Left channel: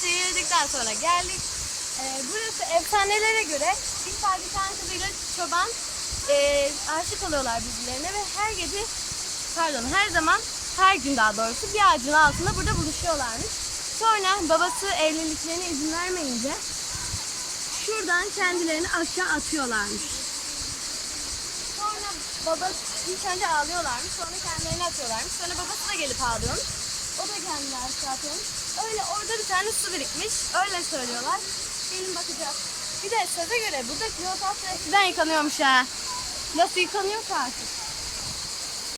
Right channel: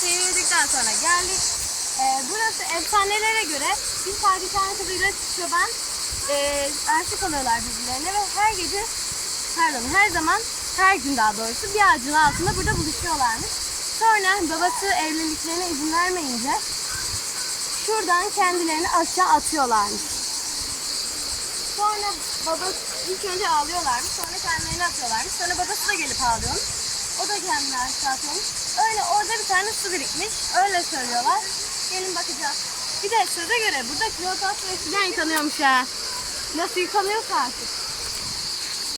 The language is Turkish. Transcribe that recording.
şeyi yedikten sonra geldik. Burası efsanelere göre bir padişahın kızıyla çoban aşık oluyorlar birbirlerine ve her zaman, her gün daha doğrusu bir ağacın altında burada buluşuyorlarmış. Sonra babası evliliklerine izin vermeyince şuradan kendilerini aşağı atıyorlarmış. Sonra babası ilk önce ağlıyorlarmış, sonra kendilerini atıyorlarmış. Sonra babası da gelip ağlıyormuş. O da kendini aşağı atıyormuş. Öyle orada bir tane su birikmiş. Öyle söylüyorlar. Gelin bakacağız. Bir de söze göre burada Kleopatra eskiden yıkanıyormuş ha. Nasıl yıkanıyorsa artık.